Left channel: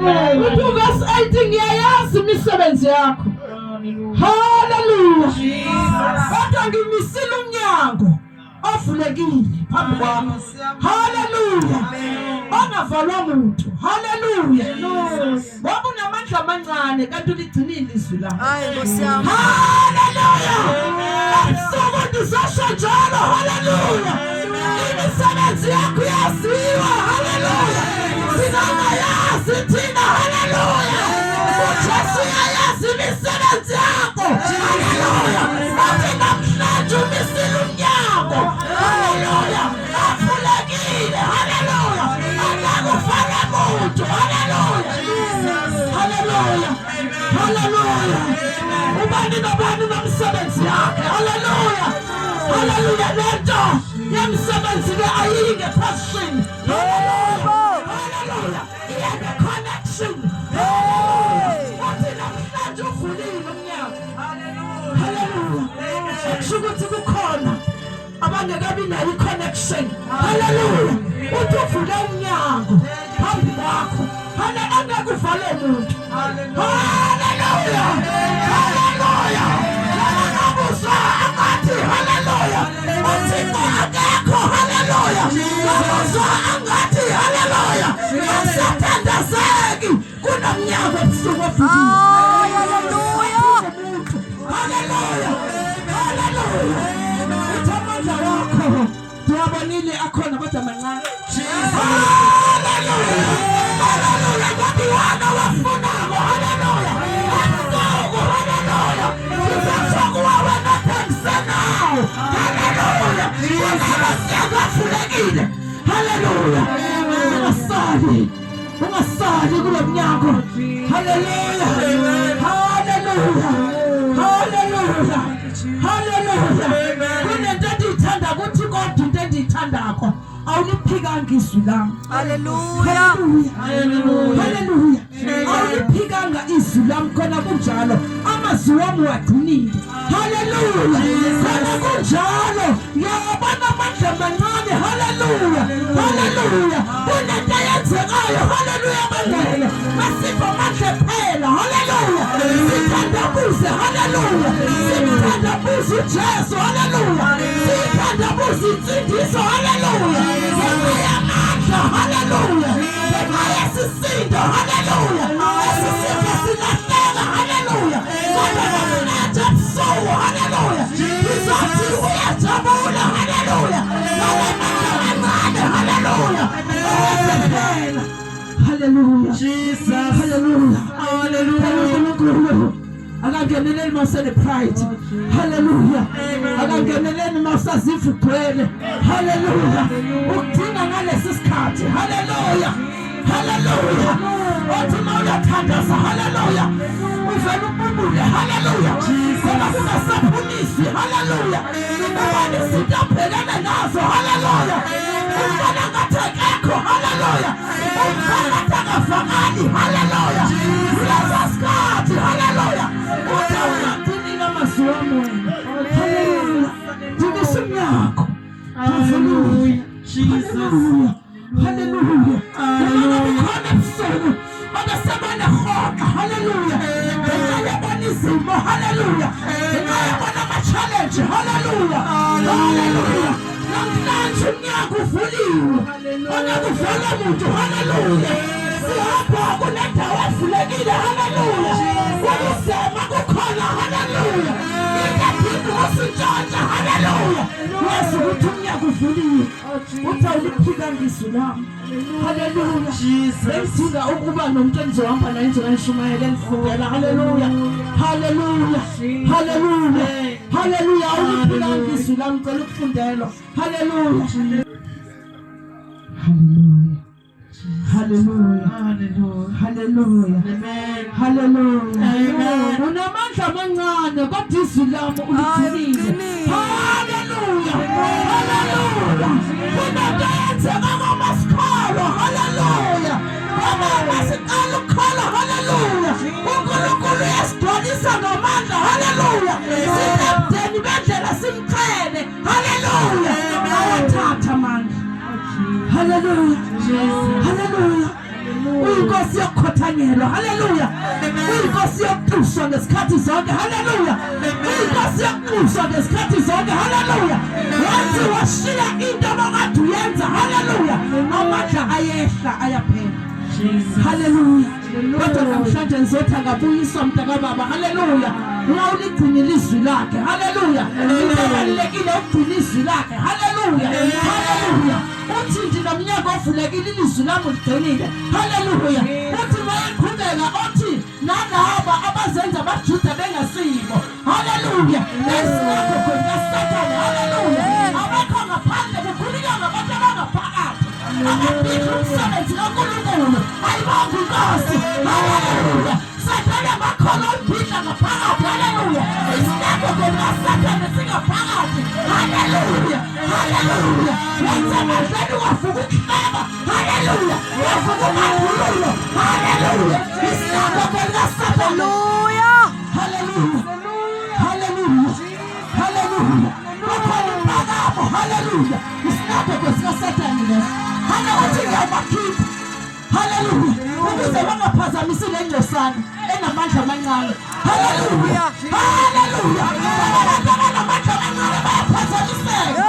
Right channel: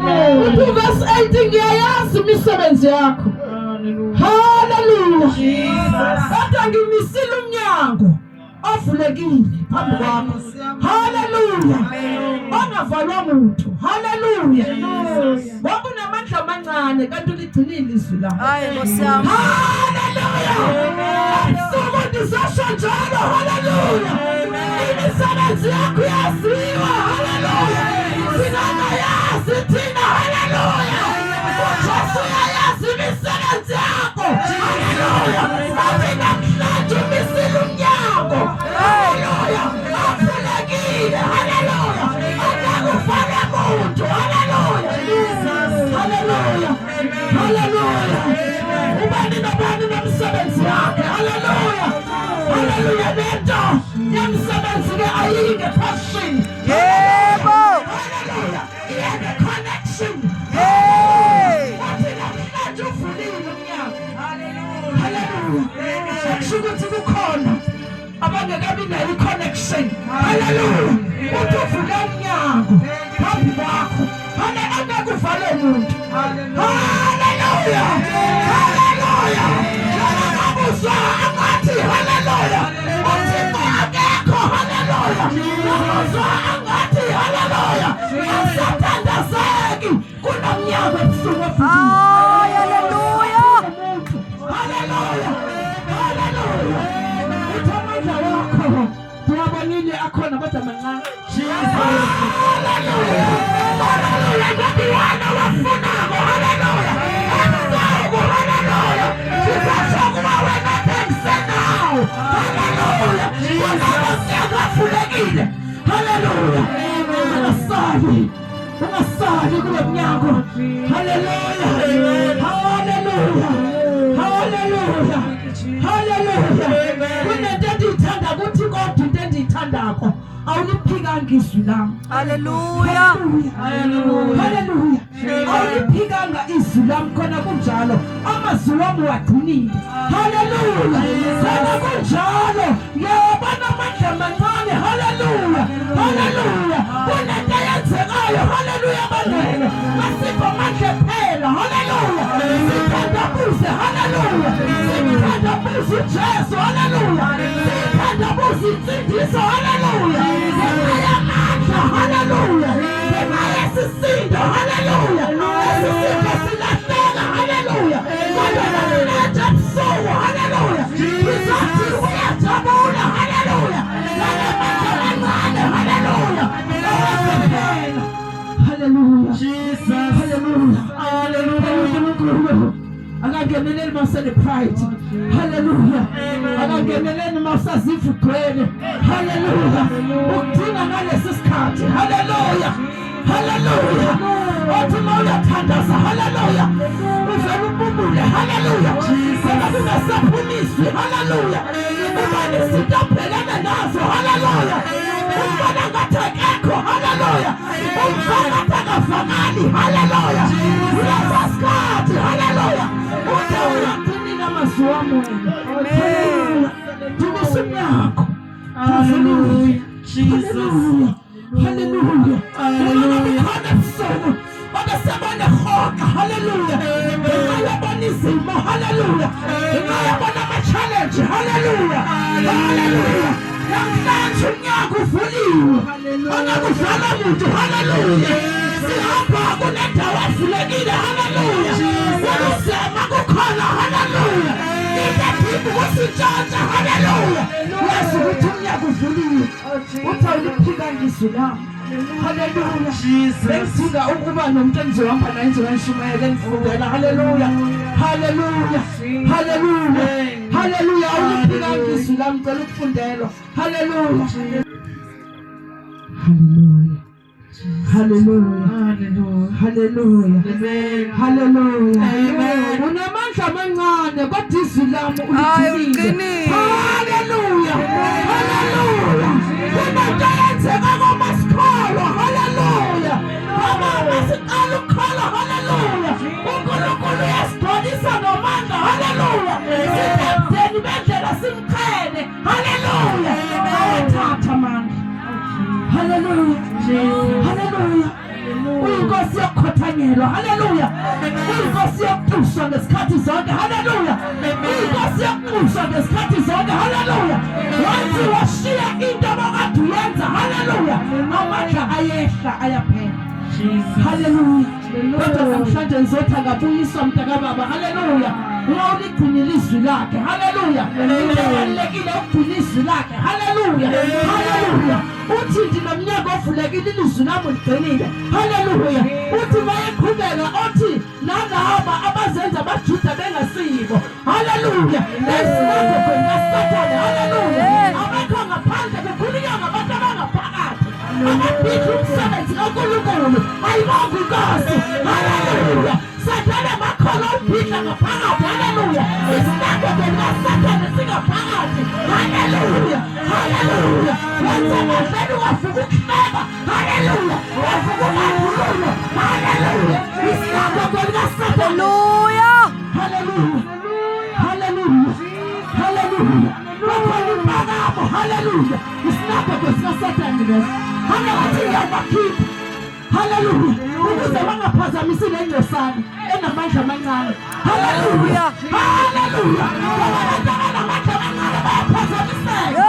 Verse 18 ngiyayazi imisebenzi yakho. Hallelujah. Kodwa ngimisile umnyango ovulekile phambi kwakho. Hallelujah. Ongavalwa muntu. Hallelujah. Ngoba unamandla amancane kanti uligcinile izwi lakho. Hayi Nkosi yami. Hallelujah. Asuku ndizosho njalo. Hallelujah. Imisebenzi yakho yaziwa. Hallelujah. Singayazi thina. Hallelujah. uJesu uyayazi imisebenzi yakho. Hallelujah. Bathi namhlanje umisile umnyango. Hallelujah. Avulekile. Hallelujah. Akakufaka muntu. Hallelujah. Hallelujah. Hallelujah. Ubani nobani nomsebenzi yakhe. Hallelujah. Hallelujah. Lento yemsebenzi ke ayike passion. Yebo. Hallelujah. Iyeke connection. Hey. Bathi namhlanje uvulile umnyango. Hallelujah. Sekuthi kukhona abangekabi nayo connection. Hallelujah. Uthi uvule umnyango phambi kwakho. Hallelujah. Angekuvale umuntu. Hallelujah. Hallelujah. Akuzwa angathi hallelujah. Uthixo akekho. Hallelujah. Akuzwa angathi hallelujah. Asathandazeki kunomnyango ebusuku ovuliwe. Hallelujah. Hallelujah. Hallelujah. Uthamandla wakho ndiwabonile akhona kodwa mancane. Hallelujah. Hallelujah. Kwabiwana wafunako. Hallelujah. Emzako. Hallelujah. Sizashokuwa wena thanks now. Hallelujah. Ungasekafulekile. Hallelujah. Ungasali kulo mnyango. Hallelujah. Hallelujah. Hallelujah. Hallelujah. Kunento endiyithanda kuthi kodwa into endiyithandakho awuliphikanga izwi lami. Hallelujah. Hallelujah. Hallelujah. Awuliphikanga izwi lami khona kunjalo amazwi wami wagcinile. Hallelujah. Khona kunjalo yabona amandla amancane. Hallelujah. Hallelujah. Kunento eyenzekayo. Hallelujah. Bandele asipho amandla phela. Hallelujah. Sithandabuze. Hallelujah. Sithandabuze uJesu. Hallelujah. Sithandabuze insindiso. Hallelujah. Amandla. Hallelujah. Sisindwa. Hallelujah. Sisindwa silahleka. Hallelujah. Kodwa namhlanje ebusuku. Hallelujah. Sizothi uyajabula. Hallelujah. Hallelujah. Hallelujah. Jesus. Hallelujah. Hallelujah. Akangeneleni masele pride. Hallelujah. Akangeneleni masazifu kwele. Hallelujah. Udinga ngalesi sikhathi. Hallelujah. Hallelujah. Othi mawuyathandaza. Hallelujah. Uvela ububule. Hallelujah. Khona kungasaphumisi. Hallelujah. Ubani izinto abhekana nazo. Hallelujah. Ubani ngathi akekho. Hallelujah. Ubani ngathi akavakali. Hallelujah. Lesa sikhathi. Hallelujah. Udawuyagcinile amazwi wami wena. Hallelujah. Dinisa umnyango. Hallelujah. Jesus. Hallelujah. Hallelujah. Hallelujah. Izimo. Hallelujah. Ngiyabona ama-challenge. Hallelujah. Hallelujah. Namhlanje umnyango uvuliwe. Akuvela muntu. Hallelujah. Sihamba kunendawo evulekile. Hallelujah. Kuluzema kukhona. Hallelujah. Ingaphinde kusintshontsha. Hallelujah. Yazi ukuthi umnyango uvuliwe. Uthi awuliphikanga izwi lami. Hallelujah. Bensidinga ukuba nomuntu engizohamba naye engizoyishumayela engifundela. Hallelujah. Hallelujah. Hallelujah. Hallelujah. Awuliphikanga izwi lami ngicela ukufundelwa. Hallelujah. Hallelujah. Hallelujah. Hallelujah. Hallelujah. Unamandla amancane kodwa izwi lami uliqinile. Hallelujah. Hallelujah. Kunento eyenzeka kwamasikolo. Hallelujah. Amasiqala ukukhala. Hallelujah. uNkulunkulu uyasidonisa ngamandla. Hallelujah. Sibabudeni bendlela simchele. Hallelujah. Awathatha amandla. Hallelujah. Hallelujah. Uyinkosi Inkosi yokukhothanyelwa. Haleluya. Inkosi yokuxushwa ngesikhathi zonke. Haleluya. Inkosi yokuxushwa ngesikhathi zonke. Haleluya. Wathi washiya into abakade uyenza. Haleluya. Amandla ayehla ayaphela. Haleluya. Kodwa namhlanje ngizothi akabuyiswa mntakababa. Haleluya. Uligcina ilizwi lakhe. Haleluya. Kubalulekile ukugcina ilizwi lakhe. Haleluya. Haleluya. Uthi nje nomnyaka ovulekile ilizwi lami uligcinile. Haleluya. Uthi bayeqhubeka othi nalaba abazenza abaJuda bengasiko. Haleluya. Lesinako kwena Sathane. Haleluya. Abakho ngaphandle bekhulunywa ngabantu abangaphakathi. Ababhidla umsebenzi kaNkulunkulu. Ayibambe inkosi. Haleluya. Sathane bakhona ubhidla ngaphakathi. Haleluya. Isinako kwena Sathane singaphakathi. Haleluya. Haleluya. Wenza amandla wavuka ukuhleba. Haleluya. Wavuka umakhululo. Haleluya. Isinako kwena Sathane. Hallelujah. Haleluya. Haleluya. Haleluya. Bakhona impakamo. Haleluya. Isinako kwena Sathane leso. Hanawathi yabakhipha. Haleluya. Ukuze bangaphazamisi le ngcosana enamandla amancane. Haleluya. Haleluya. Abantu abanamandla amancane bayaphazamiseka.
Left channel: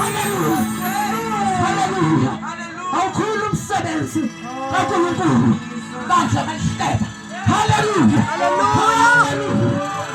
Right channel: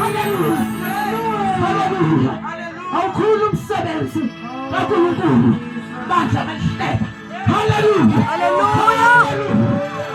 Hallelujah. Haleluya. Awukhulu umsebenzi kaNkulunkulu. Bandla balihleba. Haleluya. Haleluya.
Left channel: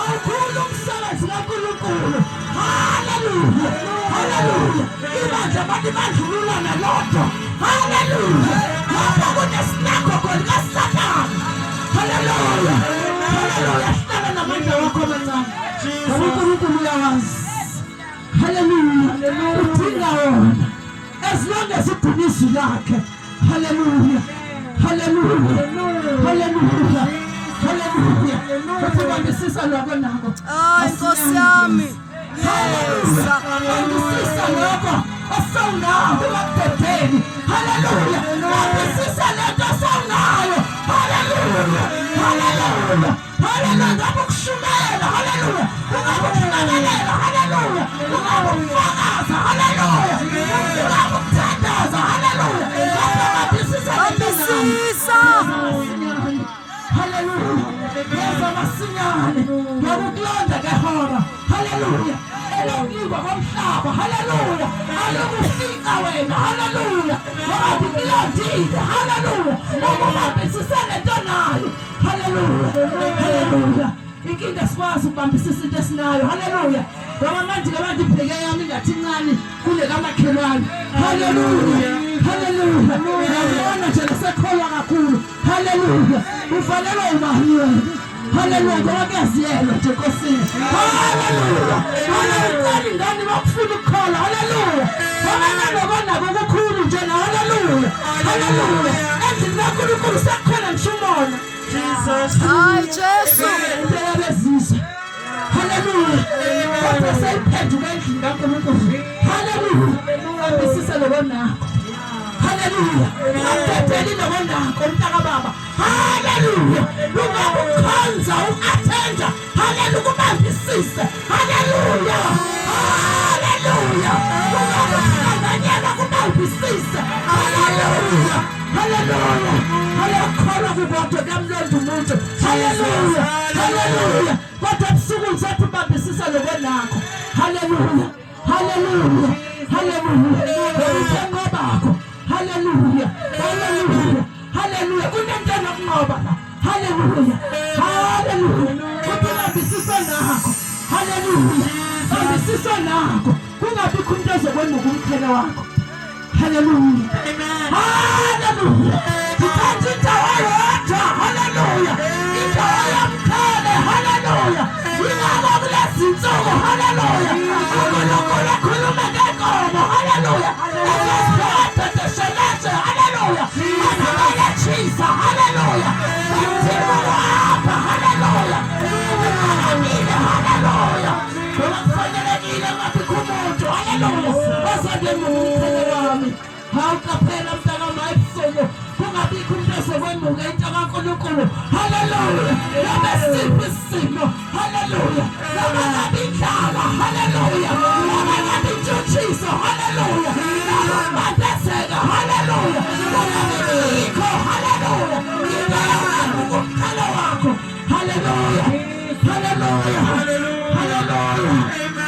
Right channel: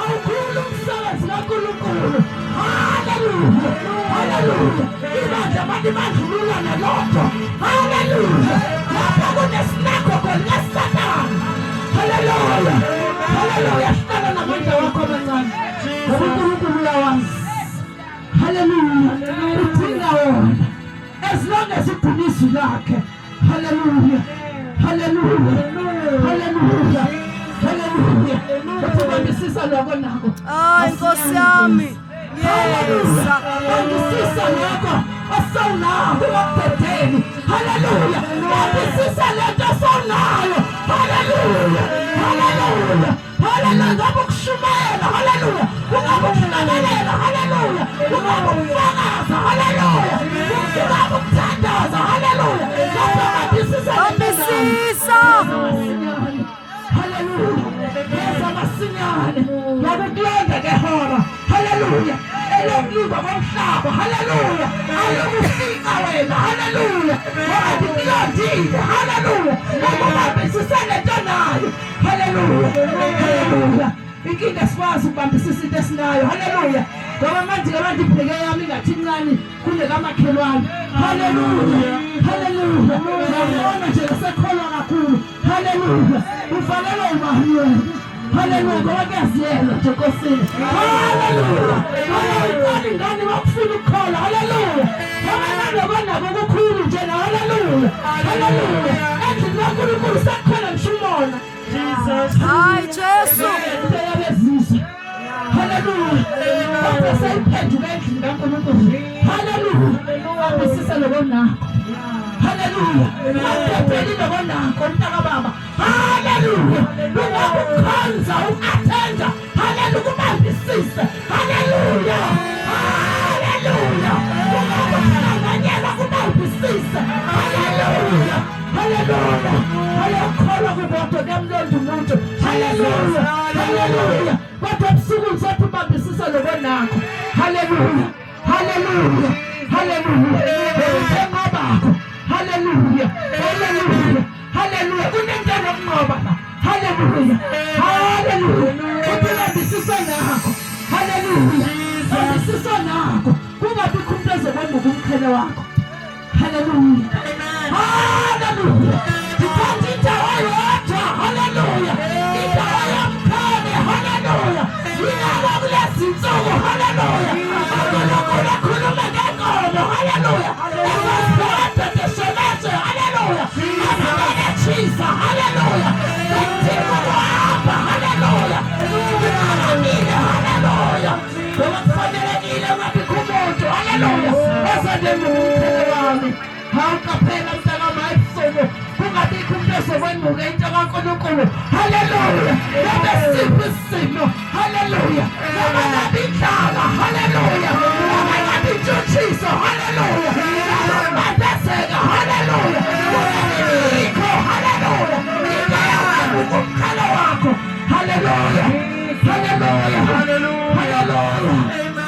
Awukhulu umsebenzi kaNkulunkulu. Haleluya. Haleluya. Ibandla bathi bandlulula nalokho. Haleluya. Lapha kunesinako kwena Sathane. Haleluya. Haleluya. Hlala namandla wakho amancane. uNkulunkulu uyawazi. Haleluya. Udinga wona. As long as it is like. Hallelujah. Hallelujah. Hallelujah. Hallelujah. Ukubambisisa lokho nako. Inkosi yami. Yes. Ukubambisisa lokho asawunayo ukuphethe. Hallelujah. Ukubambisisa lento asawunayo. Hallelujah. Hallelujah. Hallelujah. Ukushumela. Hallelujah. Ukuhlabelela. Hallelujah. Ukufakaza. Hallelujah. Ukuthandaza. Hallelujah. Bambisisa. Hallelujah. Yenza masinyane. Yakukulonda ngehora. Hallelujah. Elokliwa komhlaba. Hallelujah. Ayokufika wena. Hallelujah. Yathi kulondile. Hallelujah. Ukubambisisa lento nayo. Hallelujah. Hallelujah. Inkinga sikwazi ukubambisisa into esinayo. Hallelujah. Ngoba manje abantu ibheke yami ngathi incane kule kamakhelwane. Hallelujah. Hallelujah. Ngiyabona nje sekholwa kakhulu. Hallelujah. Ufanele ubahiywe. Hallelujah. Ngoba kuyaziyela nje Nkosini. Hallelujah. Hallelujah. Ngani bakufuna ukukhola. Hallelujah. Ngoba ngabona ukukhulu nje. Hallelujah. Hallelujah. Endlini kaNkulunkulu sekukhona ngisho umona. Jesus. Hayi Jesu. Hallelujah. Kodwa seyiphenduka endlini kaNkulunkulu. Hallelujah. Bambisisa lokho nakho. Hallelujah. Aphetheli lokho nakho mntakababa. Hallelujah. Lungakukhonza uku-attenda. Hallelujah. Kubambisise. Hallelujah. Hallelujah. Lungakuhlanganyela kubambisise. Hallelujah. Hallelujah. Hallelujah. Kubodwa kamlondo umuntu. Hallelujah. Hallelujah. Kodwa ebusuku ngizothi ubambisise lokho nakho. Hallelujah. Hallelujah. Hallelujah. Ukubakho. Hallelujah. Hallelujah. Hallelujah. Kunento yokunqoba la. Hallelujah. Hallelujah. Ubambisise nakho. Hallelujah. Bambisise nakho. Kungabi umuntu ozobona ukumkhele wakho. Hallelujah. Hallelujah. Uthatha indawo yodwa. Hallelujah. Indawo yomkhele. Hallelujah. Yingakho kulezi insuku. Hallelujah. uNkulunkulu akhuluma ngenkomo. Hallelujah. Ezosibhedesheleze. Hallelujah. Anabelethisa. Hallelujah. Bathiwa wapha. Hallelujah. Kungakanile. Hallelujah. Ngoba kufanelekile ngabikho umuntu. Hallelujah. Ozodema ukumkhele Hawuqaphela mntakami ebusuku kungabikho umuntu ozokwemuka into kaNkulunkulu. Haleluya. Noma siphi isimo. Haleluya. Noma ngabe indlala. Haleluya. Noma ngabe intshutshiso. Haleluya. Noma ukubandazeka. Haleluya. Kungabikho. Haleluya. Into yakho kumqala wakho. Haleluya. Haleluya. Haleluya.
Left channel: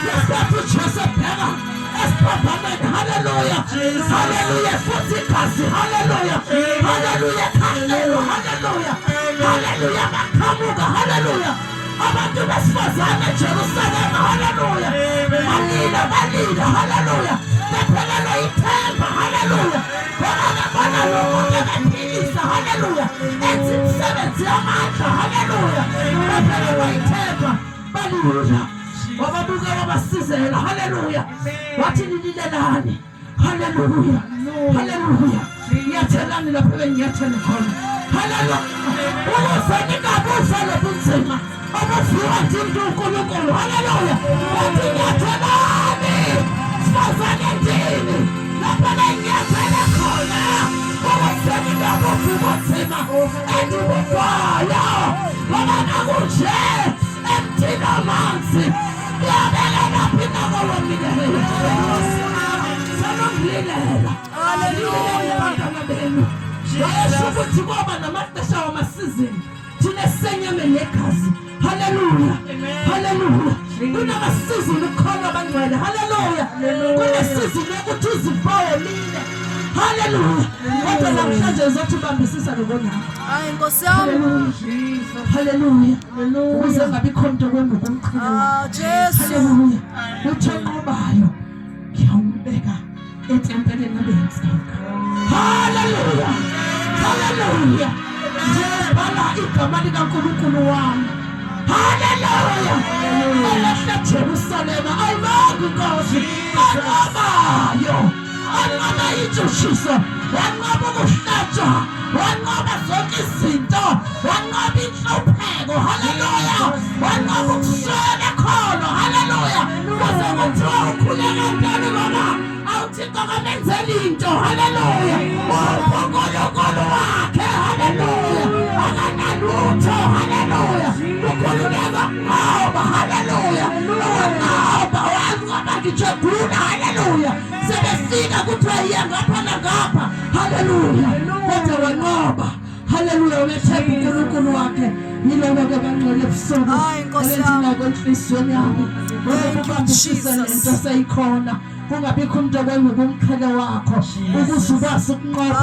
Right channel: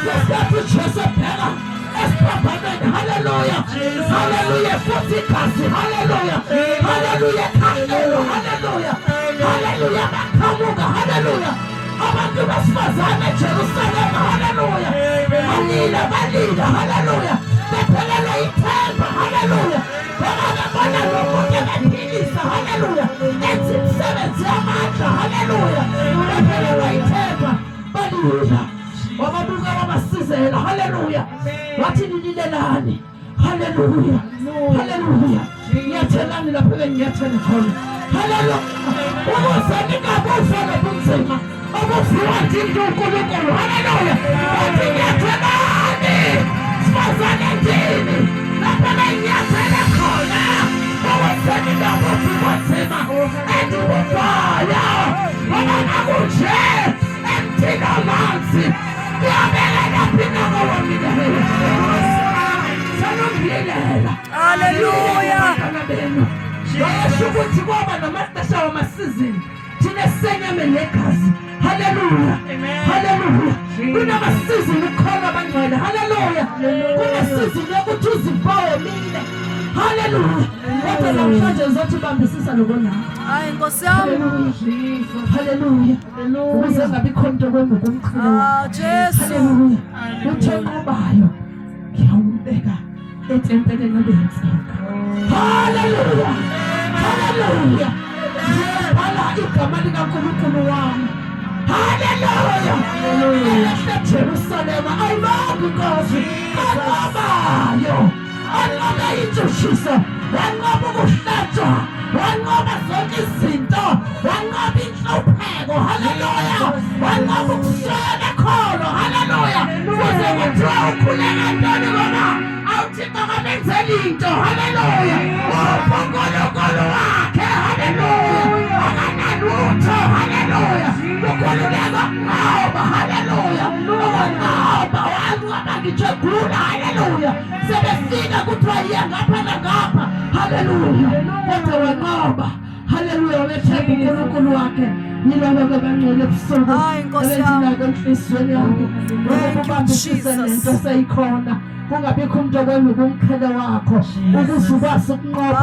Lesathi uJoseph phela esiphambanweni. Haleluya. Haleluya. Futhi igazi. Haleluya. Haleluya. Khangelo. Haleluya. Haleluya. Baqhamuka. Haleluya. Abantu besifazane eJerusalem. Haleluya. Balila. Haleluya. Bephelelwa ithemba. Haleluya. Babona lokho bephilisa. Haleluya. Enza imisebenzi yamandla. Haleluya. Bephelelwa ithemba. Balila. Wababuka wabasizela. Haleluya. Wathi nililelani. Haleluya. Haleluya. Ngiyathelani lapho bengiyathela khona. Haleluya. Ukuze ningabufa lobunzima obufiwa uNkulunkulu. Haleluya. Wathi ngiyathelani. Sifazane ndini. Lapho bengiyathela khona. Ukuze ningabufa ubunzima endibufayo. Wabona kunje emthini amanzi. Ngiyabekela phina ngowamile. Haleluya. Wayesho ukuthi kwaba namaxesha wamasizini thina senyame negazi. Haleluya. Haleluya. Kunamasizini khona bangcwele. Haleluya. Kunesizini yokuthi uzibone. Haleluya. Kodwa namhlanje ngizothi bambisisa lokona. Hayi Nkosi yami. Haleluya. Ukuze ngabe ikhonto ngokumkhulu. Jesu. Haleluya. Uthi enqobayo ngiyawubeka etempeleni lobentsika. Haleluya. Haleluya. Ngiyabhala igama likaNkulunkulu wami. Haleluya. Elahla Jerusalem ayibonga inkosi anqobayo. Anqoba intshutshiso. Wanqoba ukuhlatshwa. Wanqoba zonke izinto. Wanqoba inhlupheko. Haleluya. Wanqoba ukuswela ekholo. Haleluya. Kuze kuthiwa ukhuleka ntoni baba. Awuthixo kamenzeli into. Haleluya. UNkulunkulu wakhe. Haleluya. Akanalutho. Haleluya. Ukhululeka ngoba. Haleluya. Ngoba wanqoba ngijegula. Haleluya. Sebefika kuthiwa iya ngapha nangapha. Haleluya. Kodwa wanqoba. Haleluya. Umethemba uNkulunkulu wakhe. Yilona ke bangcwele ebusuku. Hayi Nkosi yami. Enhliziyweni yami. Thank you Jesus. Into seyikhona. Kungabikho umuntu okwengukumkhela wakho ukuze ukwazi ukunqoba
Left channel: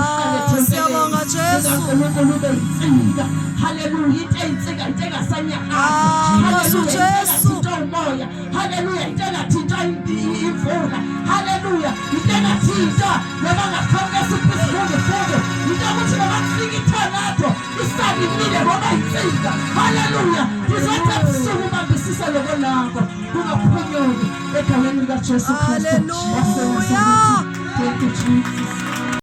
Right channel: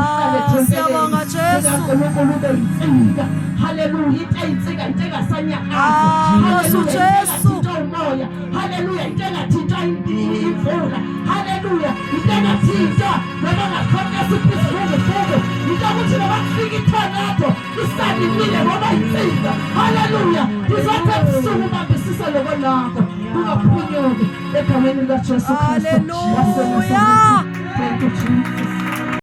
siyabonga Jesu. uNkulunkulu insika. Haleluya. Into eyinsika into engasanyakazi. Nkosi uJesu. Umoya. Haleluya. Into engathinta imvula. Haleluya. Into engathinta noma ngakhona siphuzuke futhi. Into ukuthi noma kufika ithonado isalimile ngoba insika. Haleluya. Ngizothi ebusuku bambisisa lokho lakho. Kungaphunyoni egameni likaJesu Kristu. Haleluya. Thank you Jesus.